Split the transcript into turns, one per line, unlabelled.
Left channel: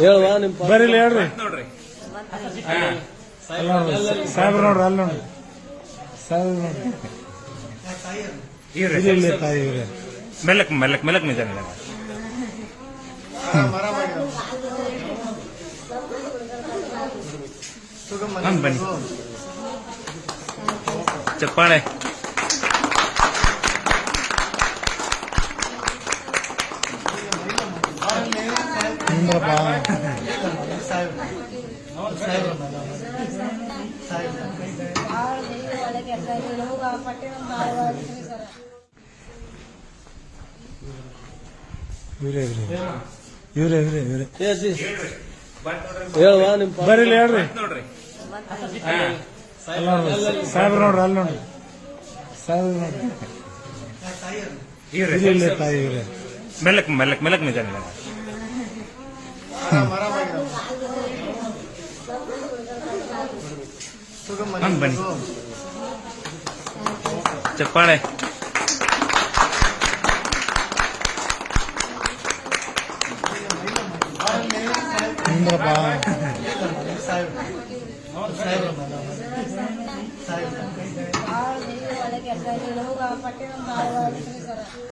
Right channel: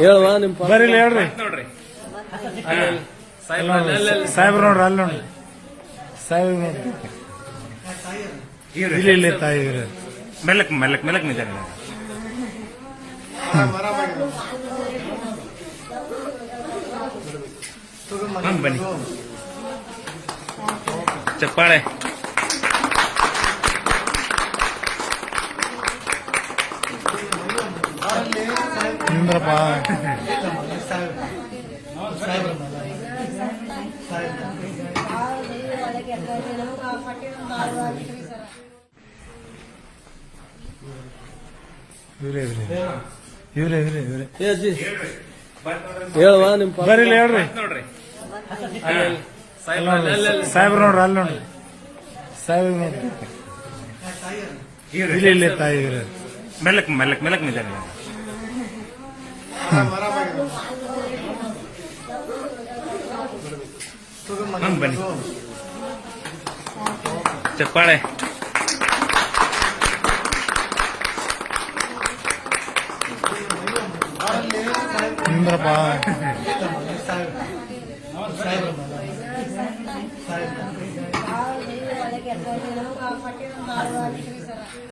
ಹೇಳುವ ನಿಮ್
ಬರೀಲಿ ಹೇಳ್ರಿ.
ನೋಡ್ರಿ.
ಸಾಹೇಬ್ರು ನೋಡ್ರಿ ಅಲ್ಲಿ ನೋಡ್ರಿ. ಸಾಹೇಬ್ರು ನೋಡ್ರಿ. ಇಲ್ಲಿ ಇಲ್ಲಿ ತಾಯಿ ಇವ್ರಿ.
ಮೆಲ್ಲಕ್ ಮೆಲ್ಲಕ್ ಮೆಲ್ಲಕ್ ನಿಜ ಬನ್ನಿ. ಚಪ್ಪಾಳೆ.
ನಿಂದ್ರಪ್ಪ. ಇವ್ರೇ ಇವ್ರಿ. ಇವ್ರೇ ಇವ್ರೇ ಇವ್ರೇ.
ಹೇಳುವ ನಿಮ್
ಹೇಳ್ರಿ. ಸಾಹೇಬ್ರು ನೋಡ್ರಿ. ಅಲ್ಲಿ ನೋಡ್ರಿ ಸಾಹೇಬ್ರು ನೋಡ್ರಿ. ಇಲ್ಲ ಇಲ್ಲ ತಾಯಿ ಮೆಲಕ್
ಮೆಲ್ಲಕ್ ಮೆಲ್ಲಕ್ ಮೆಲ್ಲಕ್ ನಿಜ ಬನ್ನಿ ಚಪ್ಪಾಳೆ
ನಿಂದ್ರಪ್ಪ
ಒಳಗೆ